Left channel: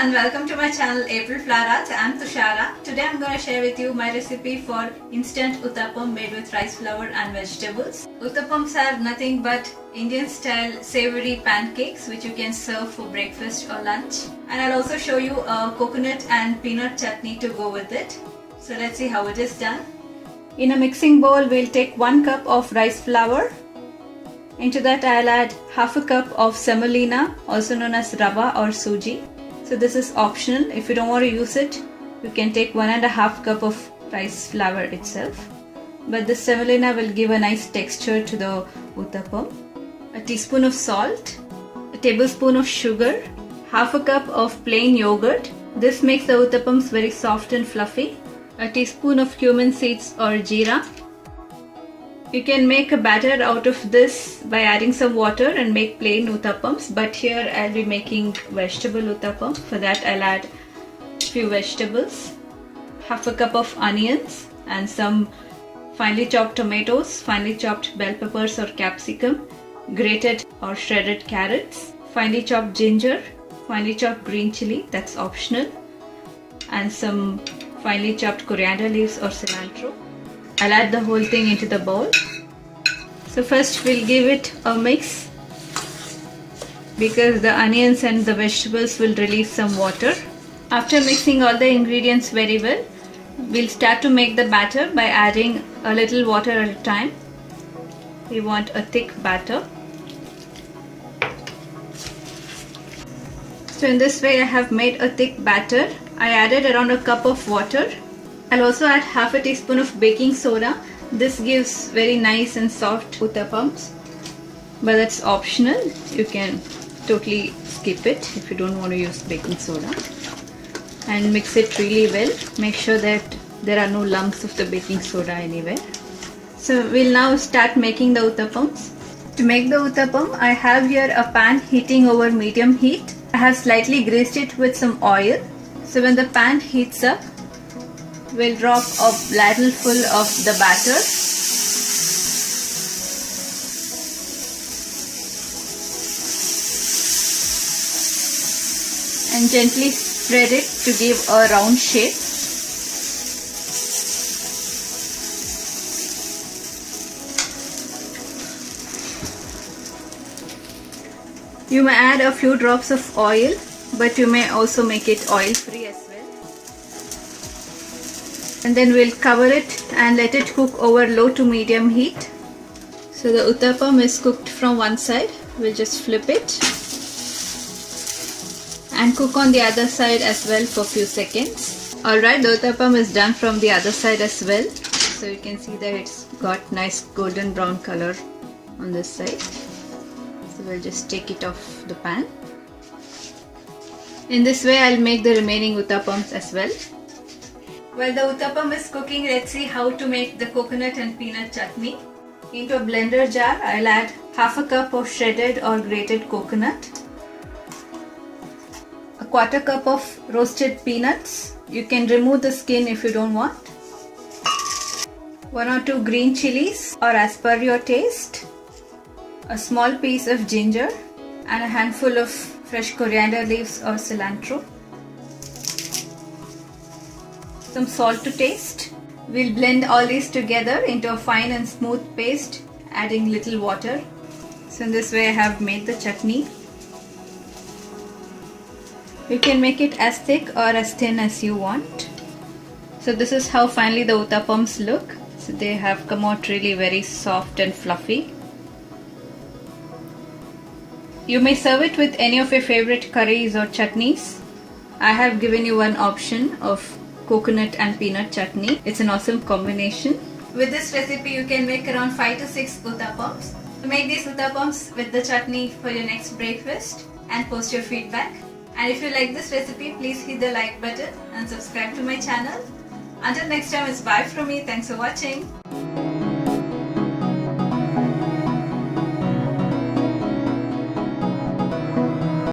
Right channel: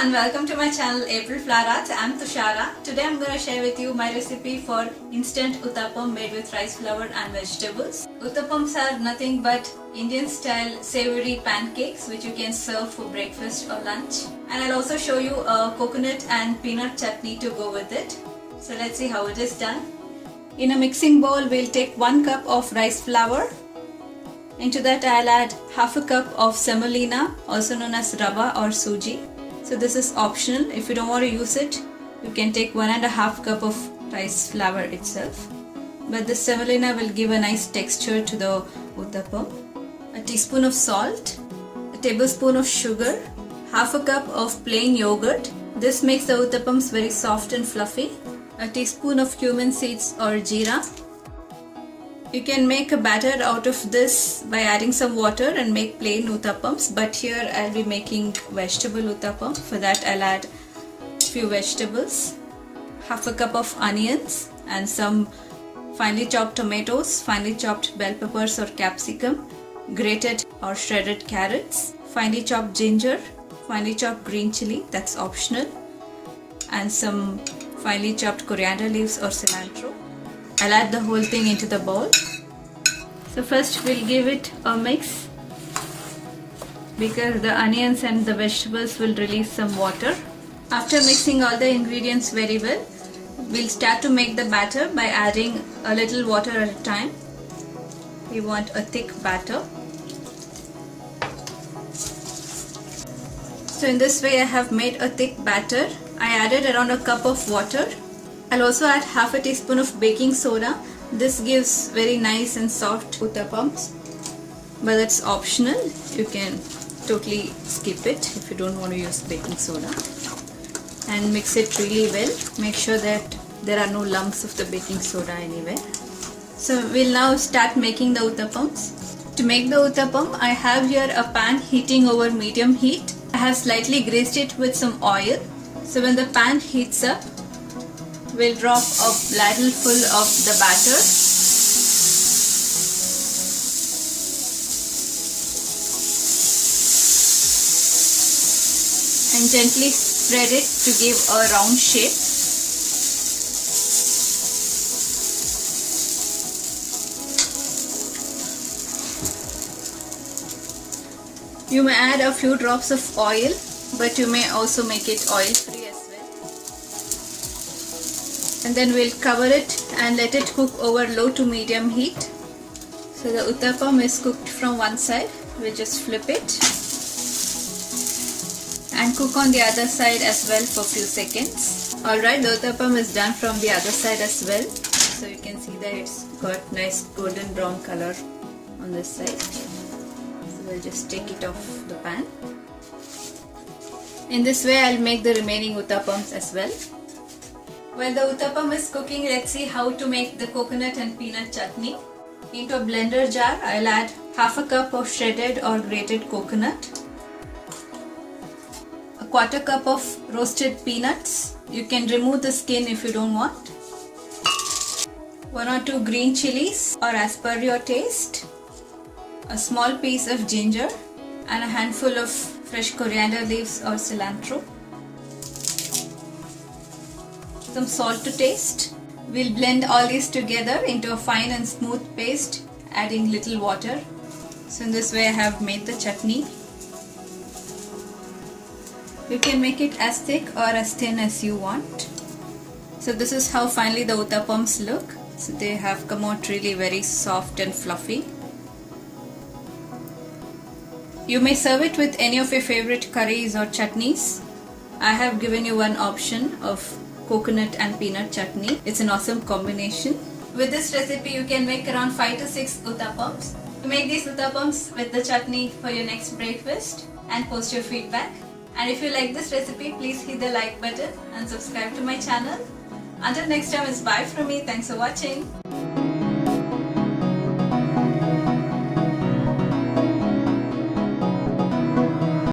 and welcome to my channel April Flower Arts. I'm Tushara. Today I'm going to share with you my recipe for instant uttapam made with rice flour and vegetables. Uttapams are nothing but Indian style savory pancakes which you can serve for breakfast or lunch. And I'll also show you a coconut and peanut chutney to go with it. So let's see how it is done. In a mixing bowl we'll take 1 cup of rice flour. Into that I'll add half a cup of semolina, also known as rava or suji. So this is optional. If you don't want to use it, you can take 1.5 cup of rice flour itself. But this semolina will give a nice texture to the uttapam. A teaspoon of salt, a tablespoon of sugar, half a cup of plain yogurt. This makes the uttapams very soft and fluffy. A teaspoon of cumin seeds or jeera. You can make a batter out of this by adding some water and make plain uttapams, but here I'll be making vegetable uttapam. For that I'll add few vegetables, half a cup of onions and some finely chopped tomatoes, finely chopped bell peppers or capsicum, grated or shredded carrots, finely chopped ginger, finely chopped green chili, that's optional, and some finely chopped coriander leaves or cilantro. I'll add the whole thing into the bowl. So first we'll give it a mix because the onions and the vegetables will release some water. After mixing all the ingredients very well, we'll start to make the batter by adding a little water at a time. We want a thick batter. So in this way I have made a thick batter. I added around a cup of water. I'll also add half a teaspoon of baking soda. This gives very nice and soft uttapams, but that's optional. You can totally skip it if you don't want to use baking soda. And mix it really well. Make sure that there are no lumps of the baking soda anywhere. So we'll now start making the uttapams. To make the uttapam, I have here a pan heating over medium heat. I have slightly greased it with some oil. So when the pan heats up, we'll drop a ladle full of the batter. And gently spread it to give a round shape. You may add a few drops of oil, but you may also make it oil free as well. And then we'll cover it and let it cook over low to medium heat. So the uttapam is cooked from one side. We'll just flip it and cook on the other side as well for a few seconds. Alright, the uttapam is done from the other side as well. So you can see that it's got nice golden brown color on this side. So we'll just take it off the pan. In this way I'll make the remaining uttapams as well. While the uttapam is cooking, let's see how to make the coconut and peanut chutney. Into a blender jar, I'll add half a cup of shredded or grated coconut, a 1/4 cup of roasted peanuts. You can remove the skin if you don't want. 1 or 2 green chilies or as per your taste. A small piece of ginger and a handful of fresh coriander leaves or cilantro. Some salt to taste. We'll blend all these together into a fine and smooth paste, adding little water. So in this way I have made the chutney. You can make it as thick or as thin as you want. So this is how finally the uttapams look. So they have come out really very soft and fluffy. You may serve it with any of your favorite curries or chutneys. I have given you one option of coconut and peanut chutney. It's an awesome combination. With this recipe you can make around 5 to 6 uttapams. Make these uttapams with the chutney for your next breakfast and post your feedback. And if you like this recipe, please hit the like button and subscribe to my channel. Until next time, it's bye from me. Thanks for watching.